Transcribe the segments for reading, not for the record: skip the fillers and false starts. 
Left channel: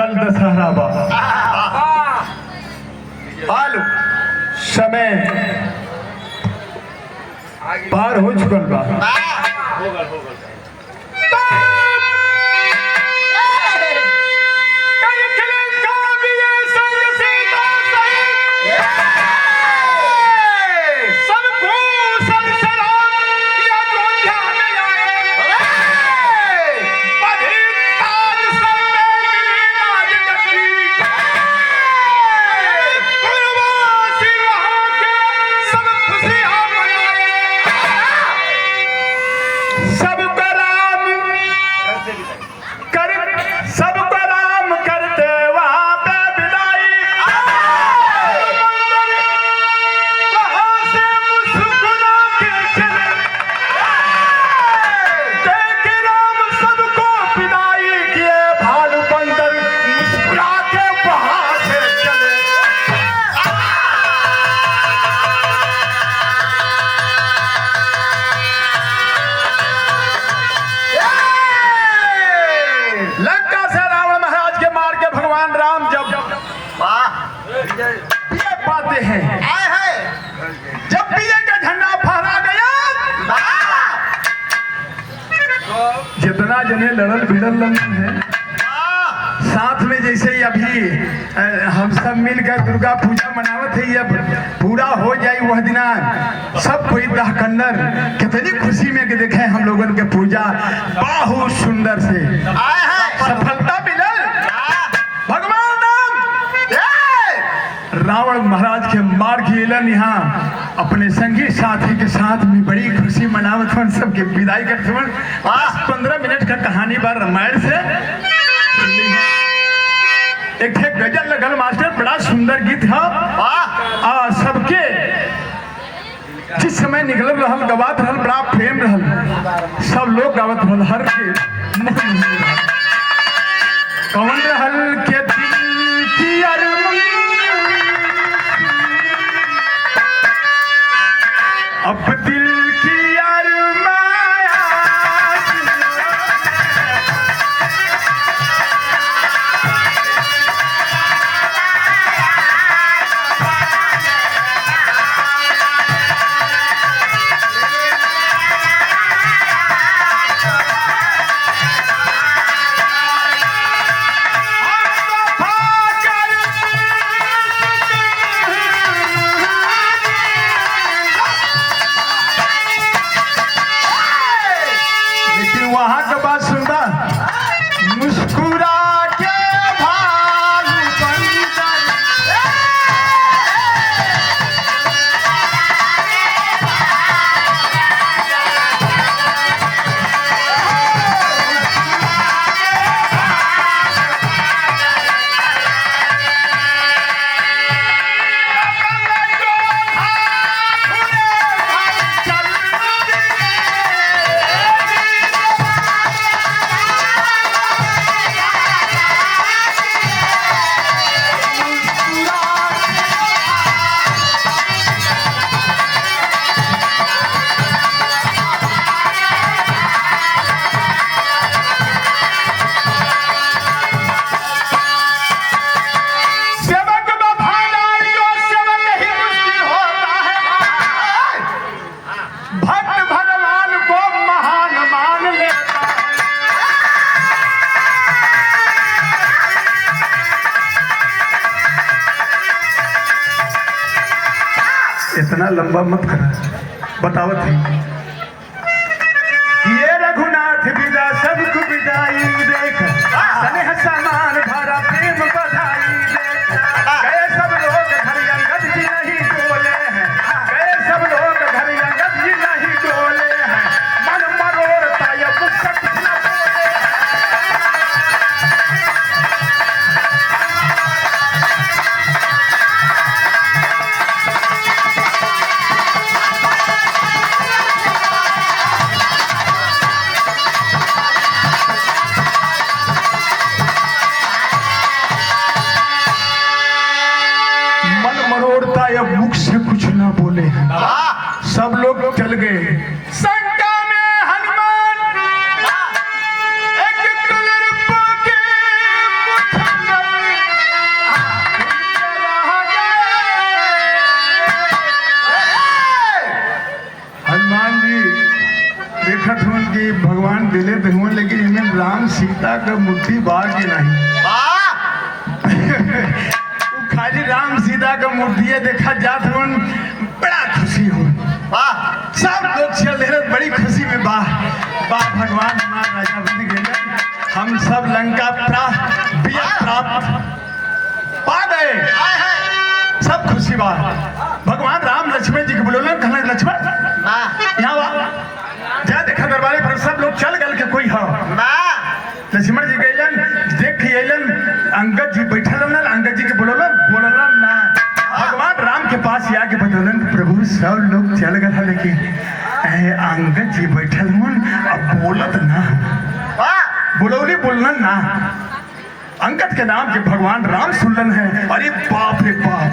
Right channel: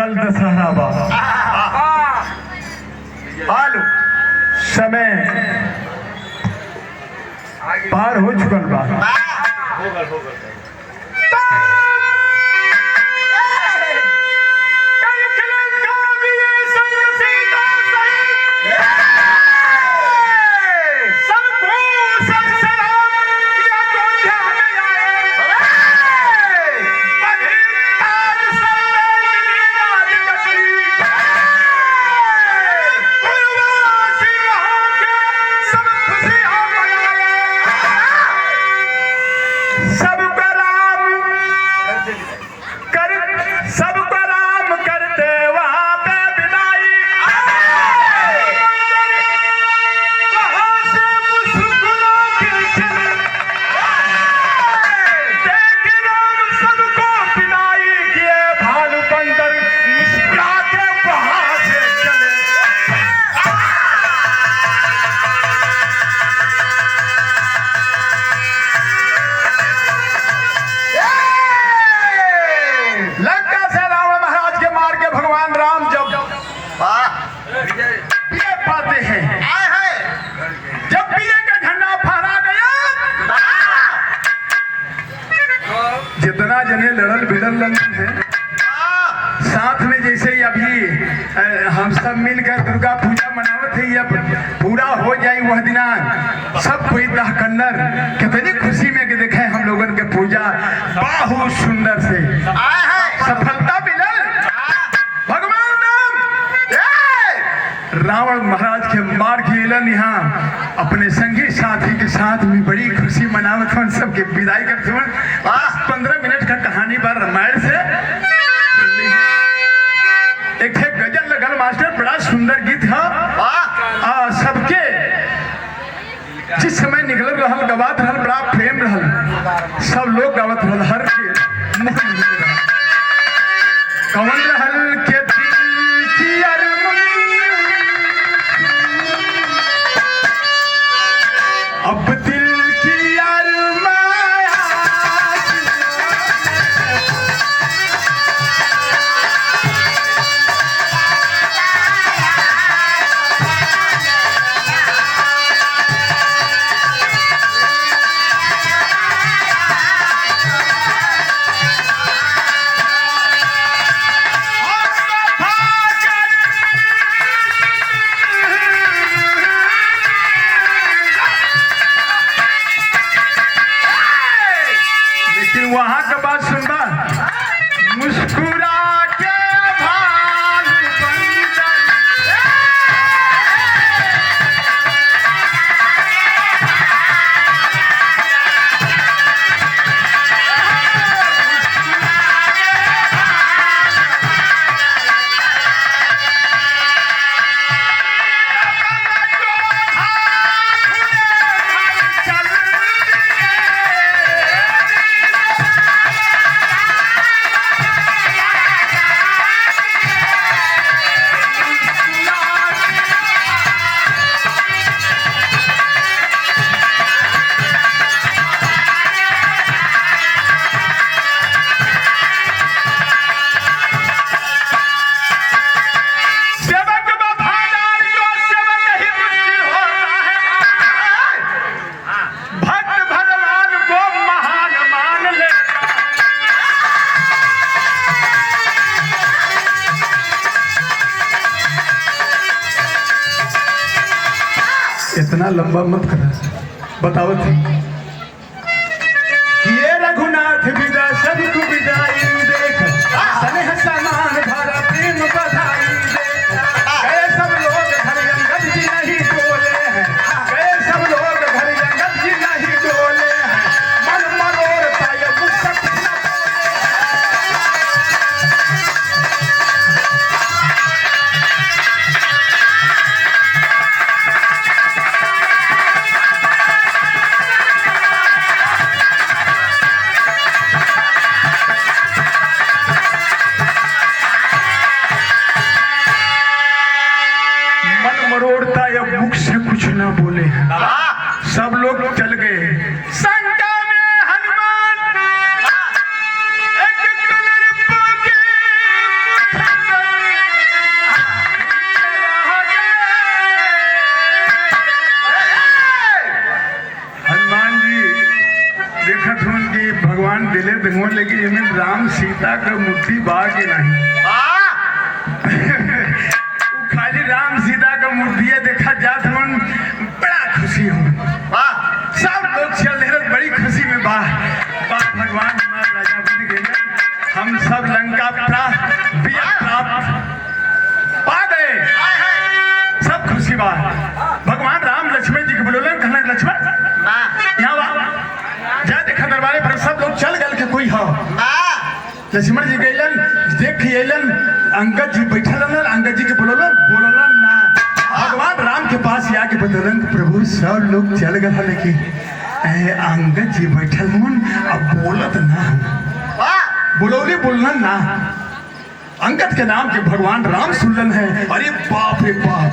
कल दशहरा बा, बालू समय पार हो चुकल बा। लंका से रावण महाराज के मार के भगवान राम जब ये पाते हैं, जब भी का झंडा फहरा गया, जितना जने लड़ल भिड़ल लंगन है साथ में, जैसे ही अभी हम सब मिलकर दुर्गा पूजा मनावत है, अब पूरा हो जाए वह दिना सब कोई दहकन्नर कितनी खुशी में के देखे हम लोगन के पूजा बहुत सुंदर से सफलता मिलल। भगवान रावण महाराज के मार के एलन यहाँ अपने संगी साथी के साथ में बड़ी खुशी मनावत हन, सबके विदाई करते हन। 15 मिनट का कहानी बा रामायण से। एक थे गजल लगल मास्टर, बड़ा सुंदर गीत है। सबके जिस समय निकल रहल गवात रहल, बड़ा प्रेम रहल, सब लोग गावत रहल, हर के कौन रहल के दिल की अरमान, अब दिल की अरमान वहां का बात सुनबा, मुस्कुरा के भालू बन इतना लंबा मत करा, बताओ थी ये रघुनाथ विदा सबको विदाई देख, स्नेह समान भरा प्रेम बधाई देख, गए सब लोग घर अंगद जी नहीं डोले हैं, गए सब लोग घर अंगद जी नहीं डोले हैं, मन मरोड़ता ये मुस्क न बोले। के मूर्ति बा के नहीं खाली राम सीता का मूर्तिया देखा जात हूँ बड़ा खुशी हूँ सब लोग चल रहे बड़ी खुशी में बा भगवान हमारा राजा बन गए हम सब लंका प्राप्त पा गए सब खुशी बा भगवान राम लक्ष्मण जी के बोलोलन कहना लक्ष्मण यहाँ जा देखा दरबारे पर सब लोग चल गए के कोई हो लक्ष्मण जी गए देख अंगद जी बैठल अंगद जी के बोलन ना भगवान राम के पास आके बतौलन प्रभु सब लोग चल गए लेकिन अंगद जी बैठल हूँ अब बोलत ना बोलौली बोलना ना अंगद के नाम के भगवान राम सुनलन है। अरे बाप रे बाप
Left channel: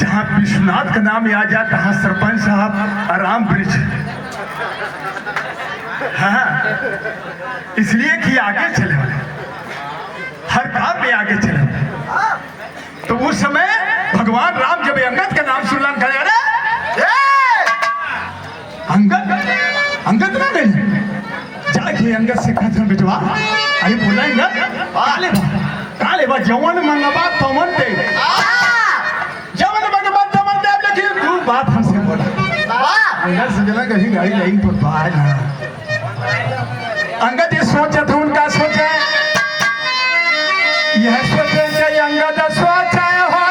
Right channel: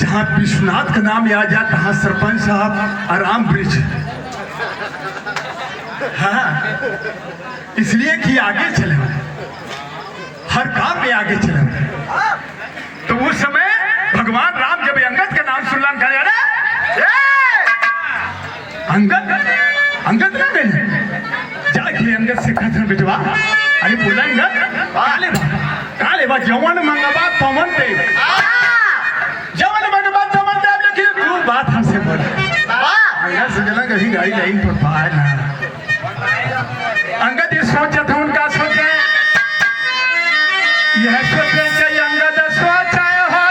जहाँ विश्वनाथ का नाम आ जाए तहाँ सरपंच साहब आराम वृक्ष हाँ इसलिए कि आगे चले हर काम में आगे चले। तो उस समय भगवान राम जब अंगद का नाम सुनलन करे अरे अंगद ना गए जाके अंगद से कथन बिटवा अरे बोला अंगद काले बा जवन मंगवा तमन दे जवन मंगवा तमन दे लेकिन तू बात हमसे बोला से जना कहीं गाड़ी लाइन पर पाए ना अंगद ये सोचा था उनका सोचा यह सोचे चाहिए अंगद सोचा हो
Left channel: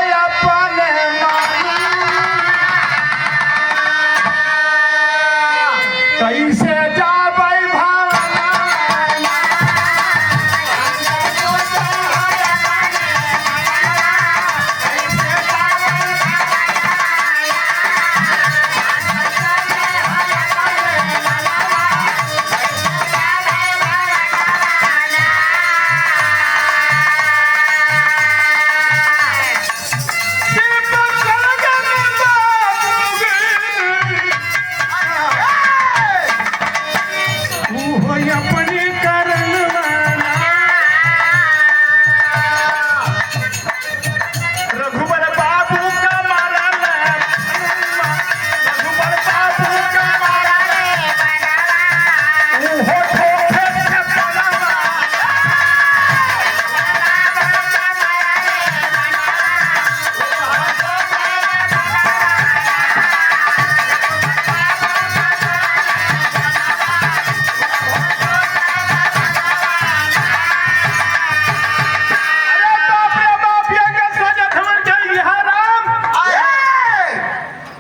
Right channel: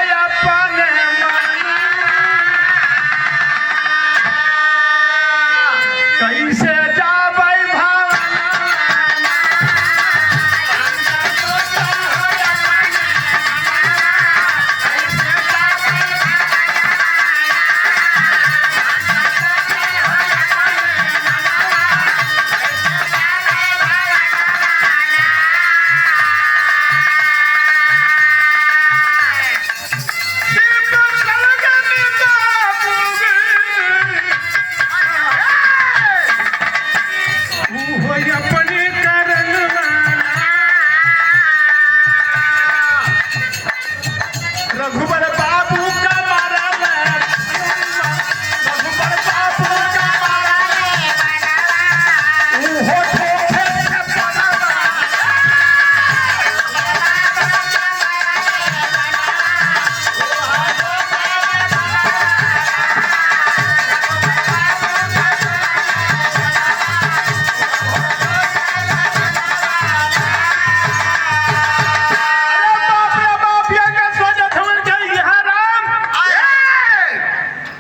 अपने कैसे जा भाई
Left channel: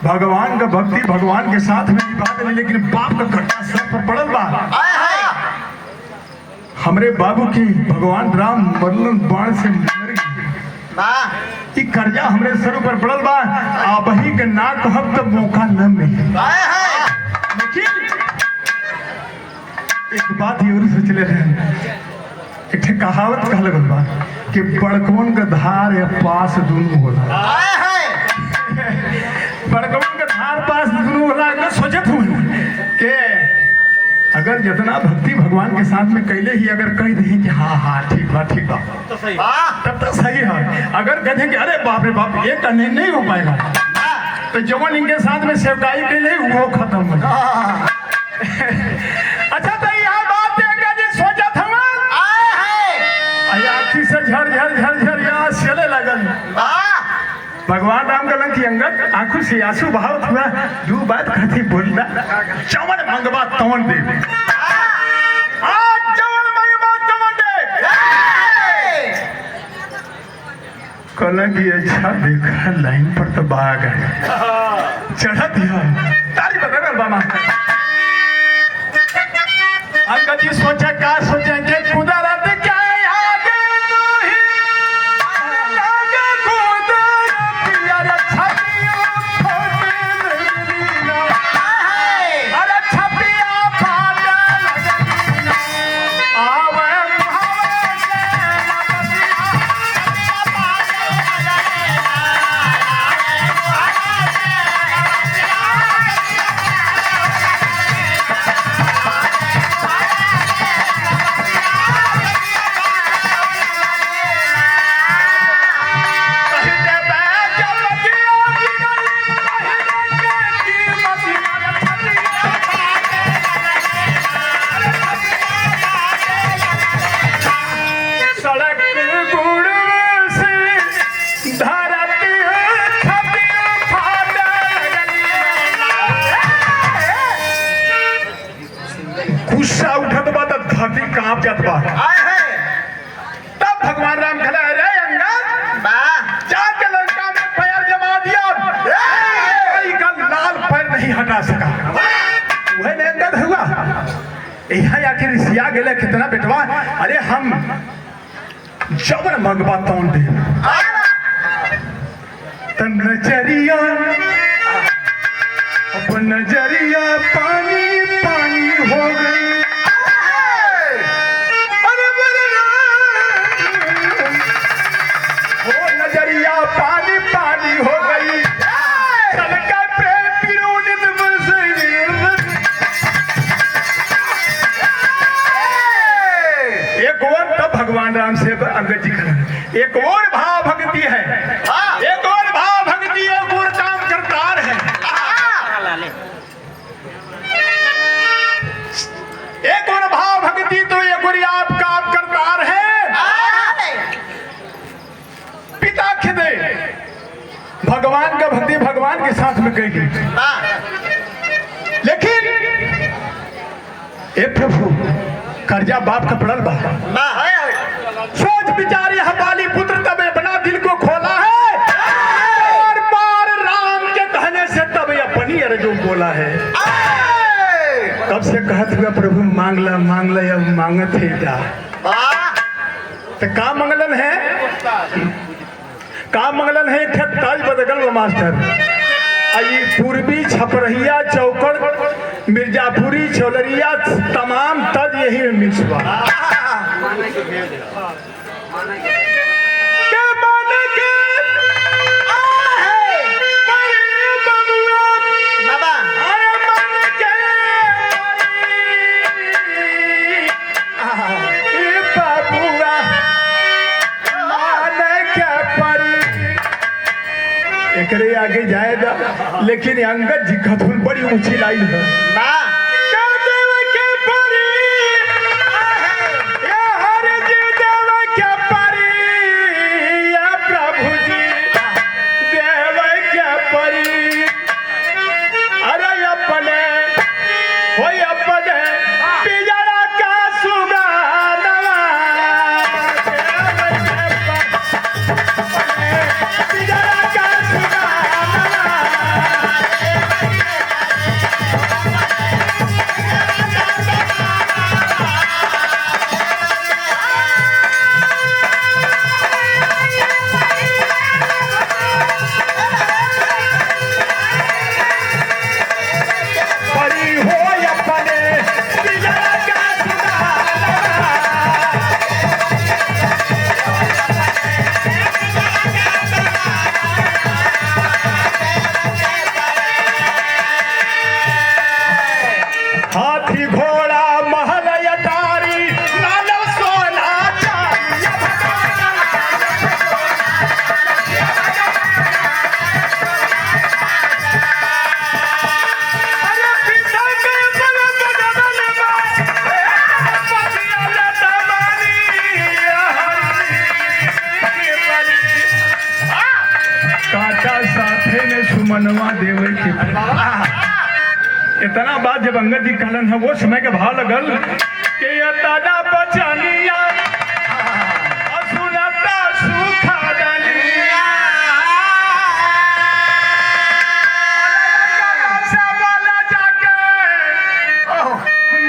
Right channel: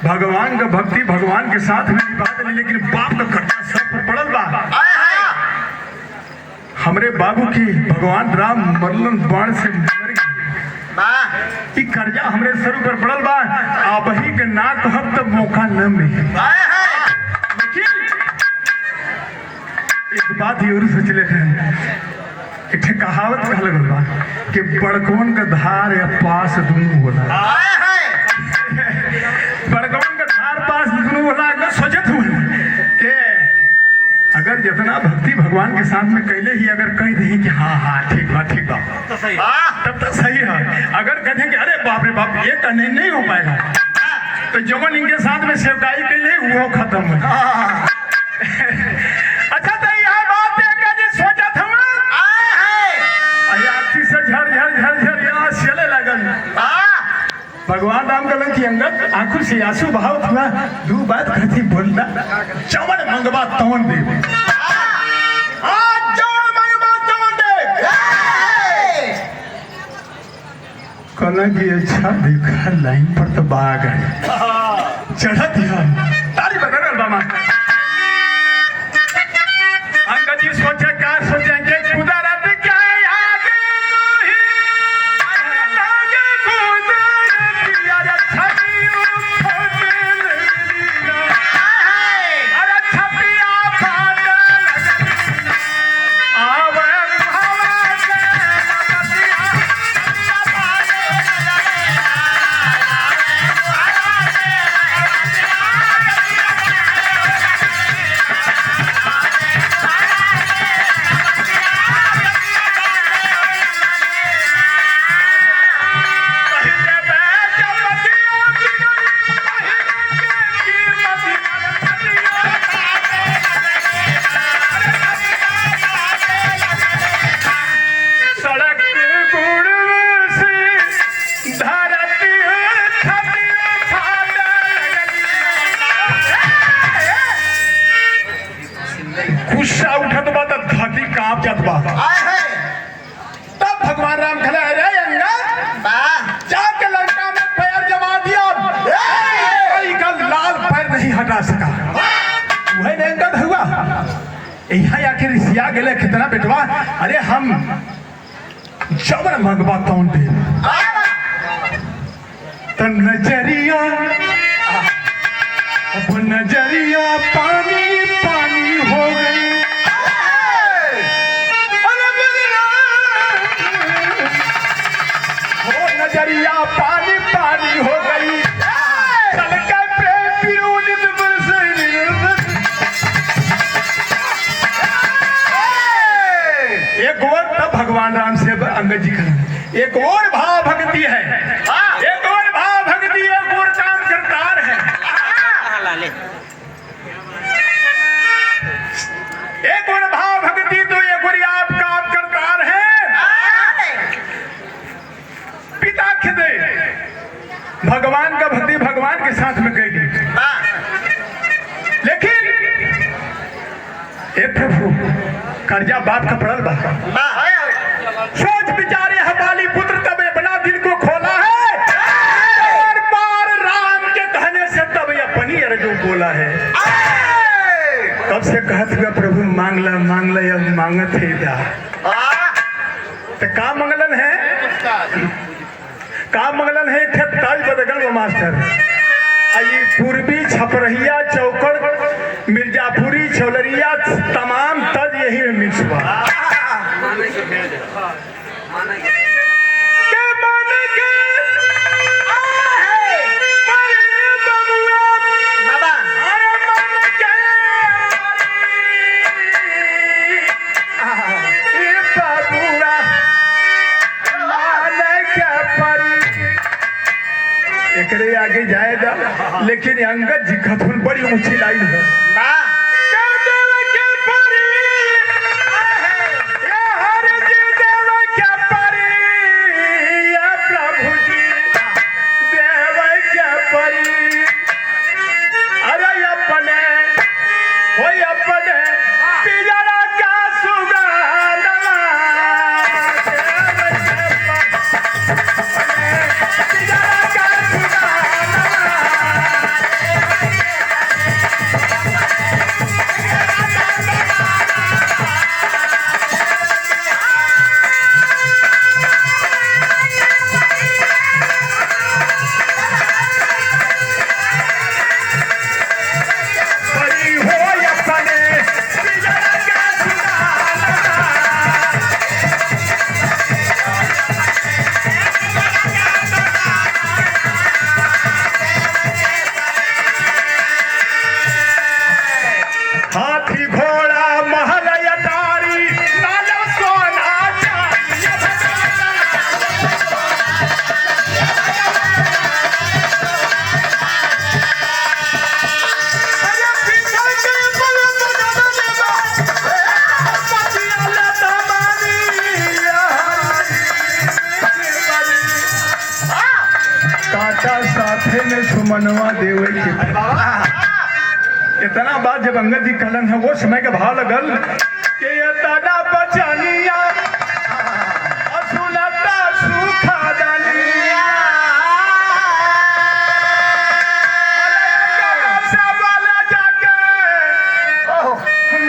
भगवान का भक्ति भगवान के साथ में बात नहीं लेकिन बाप का घटना सब पर पड़ल बा हमरे बाबू की भगवान राम मरलन बाण से मर गई कर्जा हमरे सर पर पड़ल बा आप ही के ना कहब तो मौका न मिले लेकिन एक बात और सोचले रहे एक कहावत कहल गल बा कि बड़कवन का धार या पास दोनों होला बड़कवन का धार पास दोनों होला अगर सोचत हूँ कि अगर जितना भक्ति भगवान के साथ में कैले ही अगर कह दे कि हाँ हाँ ठीक बा तो सही तब तो सही है। अगर कहे कि अरे बाप रे बाप ये तो नहीं हो पाएगा तो जवन इनके साथ में सेवकाई कैले वो खत्म हो। अच्छा तो यह बात है कि सोचत हूँ आखी से झर यहाँ चले लगन भगवान राम कहलन कि अंगद आंखों से आंसू बहाव हुआ दू बात कहती बोलना चवन मंगवा तवन दे कहला कि अच्छा देखा लाइन पर तो बाग है चढ़ा दिया तारी बगल बाबा अंकल जी सोचा क्या सोचेंगे कुदरत क्या आगे सांप जात बा। तब भगवान राम खड़े, अरे अंगद जाके लंका में पैर जमा दिया, लाल पैर नहीं हटा सका। वह ने अंगद हुआ यहाँ आखिर ऋषिया गए कितना बेटवा, अरे हम जबर मंगवा तौन दे तन नजरिया, अपन नजरिया पानी पानी हो गई। वो नजरिया पानी पानी हो गई। एक और तब भगवान राम से अंगद जी का एक और भाव भक्ति है, एक और भाव भक्ति, एक और काम करतार है। एक और भाव भक्ति तो एक और आप काम करतार है। पिता खिदे भगवान का भक्ति भगवान के साथ में कहेगी, लेकिन ए प्रभु कर्जा बाप का पड़ल बा। सोच बिचारी हमारी पुत्र तबे बना दिल को खोला है, बार बार राम के कहने से तब अपनी अर्जुन बोला है। तब से कहत हुआ प्रभु मांग ला अब मांगत है जा। तो का मंगलन है, का मंगलन है, ताज बदगल मास्टर आई पूर्वी छपरहिया चौकड़ मिर्जापुरी छोलरिया तमाम तज यही में मिक्स हुआ। एकरे आगे जाएगा, लेकिन अंगद जी कथुन बड़ी ऊंची लाइन है। सुमनवा देवे के इतना बात जब अंगद जी कहलन है, वो समय के भाव लगल कि इतना बचनिया सुनता सुखा दनिया सबला जाके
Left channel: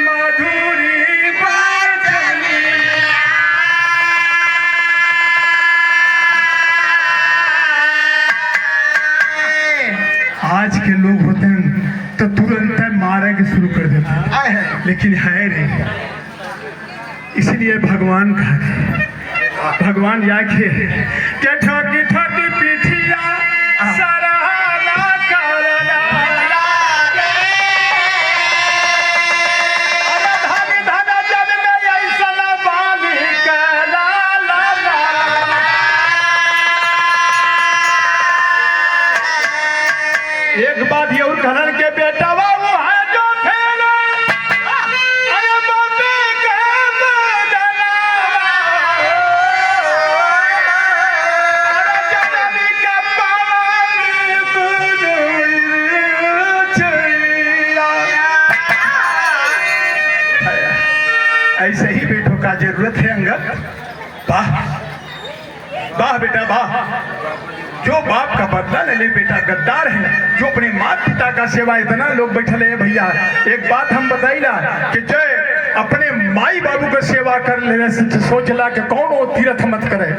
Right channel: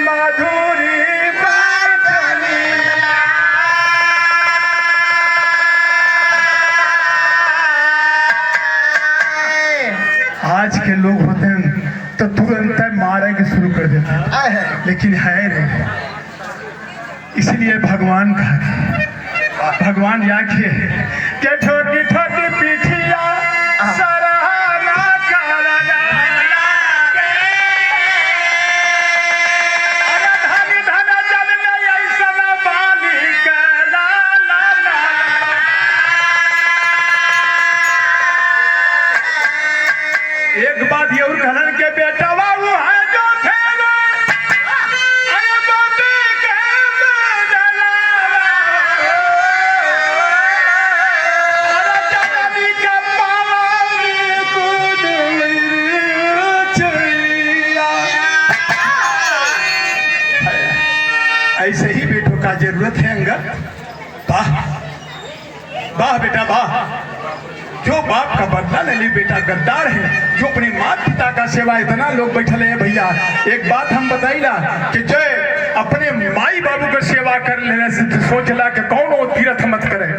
माधुरी आज के लोग होते हैं तो तुरंत मारे के शुरू कर देते हैं, लेकिन है नहीं। इसीलिए भगवान का भगवान जाके के ठोकी ठोकी पीठिया सराहना करना, अरे धन धन जल में ऐसा बालिक ला ला ला। एक बात ये और कहना के बेटा बाबू है जो खेले, अरे मोती के दला, का जरूरत है अंगद? वाह वाह बेटा वाह, जो बाप का बदला नहीं ले बेटा गद्दार है, जो अपने माता पिता का सेवा इतना लोग बैठे हैं भैया। एक बात हम बताइला कि जय अपने माई बाबू का सेवा कर लेने से सोचला कि कौन वो तीर्थ मत करे,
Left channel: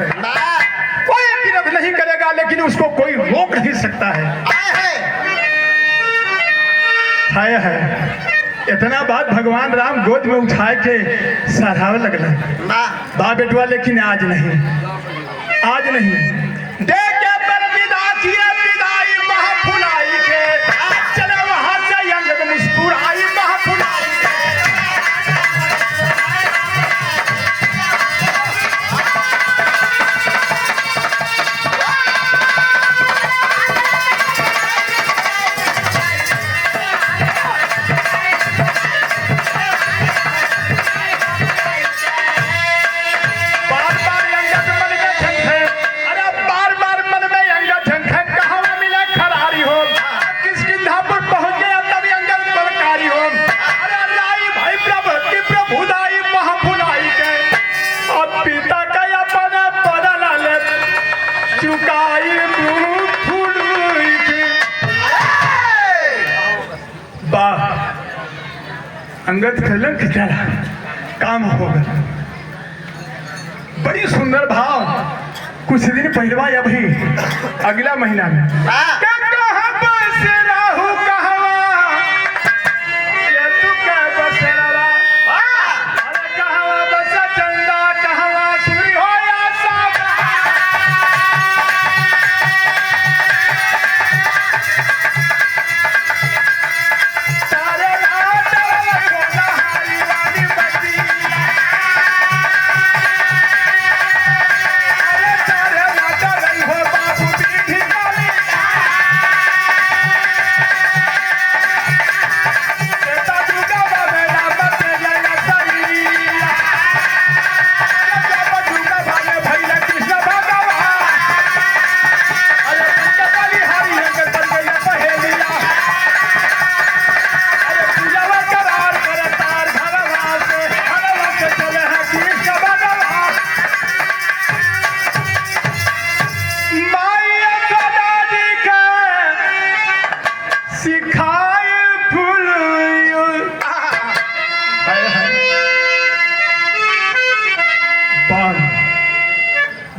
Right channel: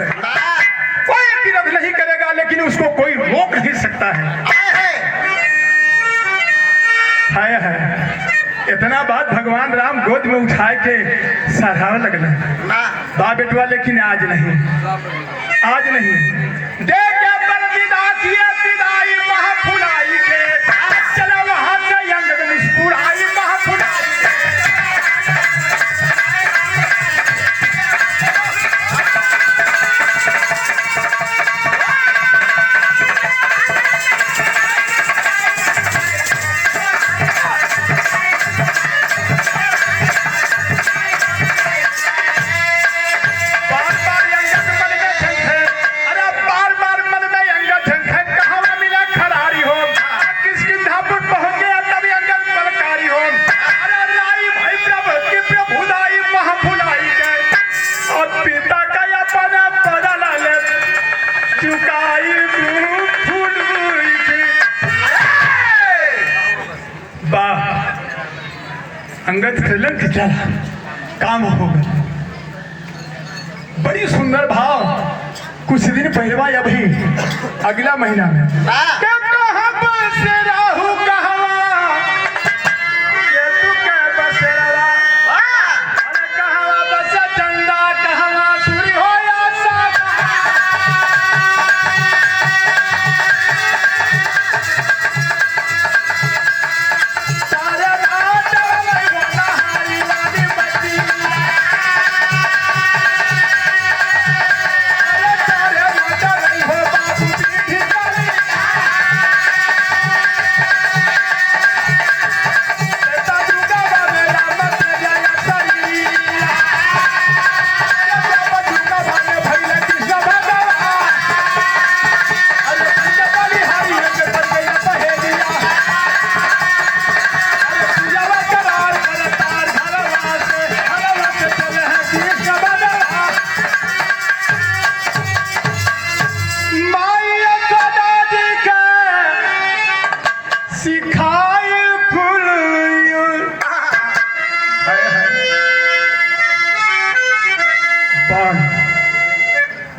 कोई तीर्थ नहीं करेगा, लेकिन उसको कोई रोक नहीं सकता है। इतना बात भगवान राम गोद में उठाए के सराहने लगल बा बेटवा, लेकिन आज नहीं, आज नहीं। अंगद खेलन की चला काम होगा। बड़ी सुंदर भाव कुछ दिन पहलवा अभी अगला महीना में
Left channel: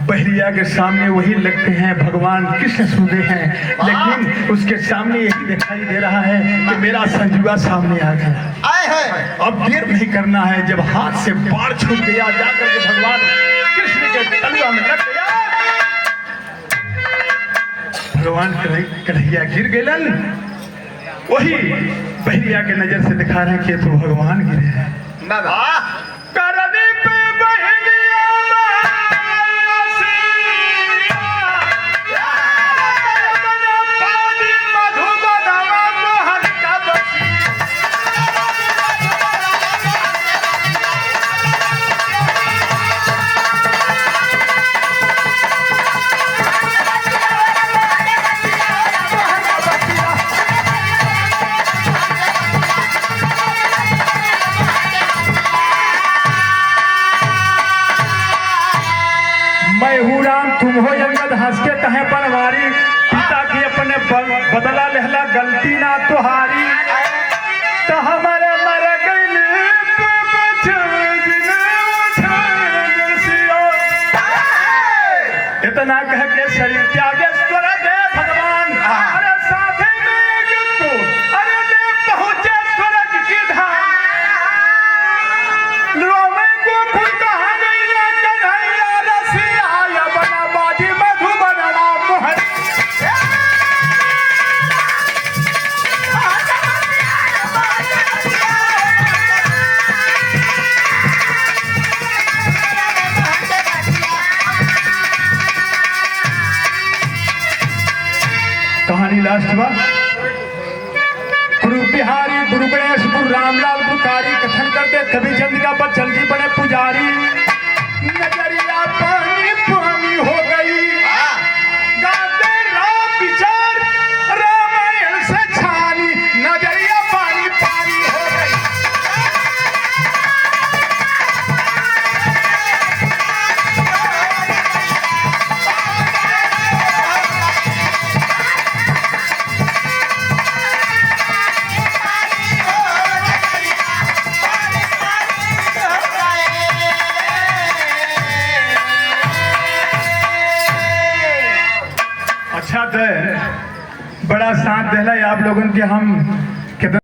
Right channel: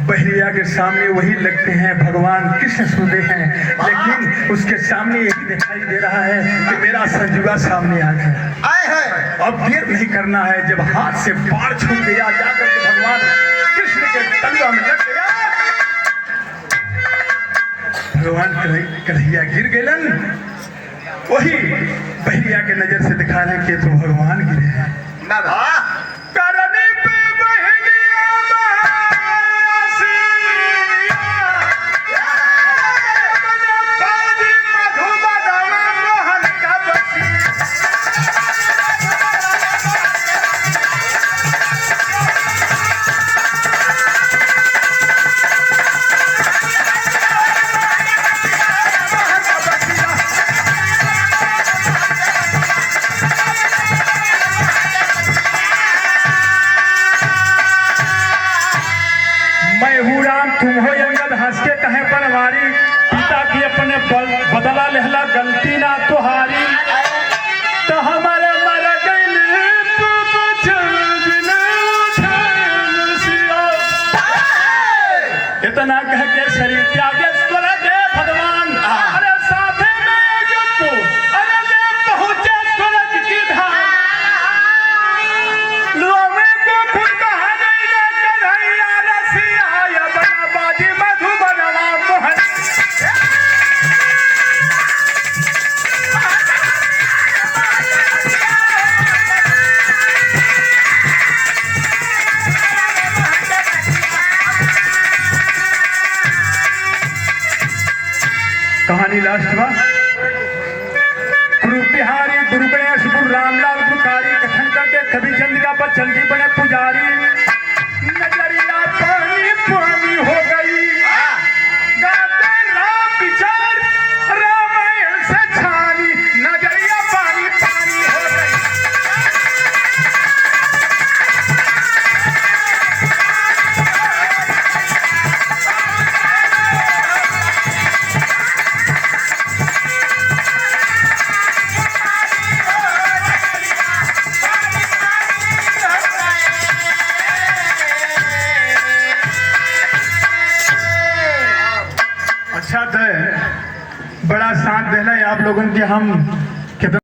बहरिया के सामने वही लगते हैं भगवान कृष्ण सुनते हैं, लेकिन उसके सामने यही दिखाई दे रहा है कि मेरा संजुआ सामने आ गया। अब देर नहीं करना है, जब हाथ से बाढ़ छूट गया जाकर के भगवान कृष्ण के तलवा में लग गया, भगवान कन्हैया गिर गए। वही बहरिया के नजर से दिखा रहे हैं कि तो भगवान गिरे हैं। तुम हो अंगद हंस के कहे पनवारी, पिता की अपने बदला लहला गलती ना तुहारी, तो हमारे मर गई इतना कह के शरीर त्यागे स्वर्ग भगवान, अरे साथे में अरे पहुंचे स्वर्ग की धाम, रोवे को खुद कहा गई रे कन्हैया रसिया कहानी लास्ट हुआ। गुरु बिहारी गुरु गणेश गुरु रामलाल बुखारी कथन करते कभी चंद्रिका पर जल्दी बने पुजारी, नजरिया पानी पानी हो गई, गाते राम विचार रामायण से छानी, नजरिया पानी पानी हो गई। बात है, बड़ा साथ दिला आप लोगन के हम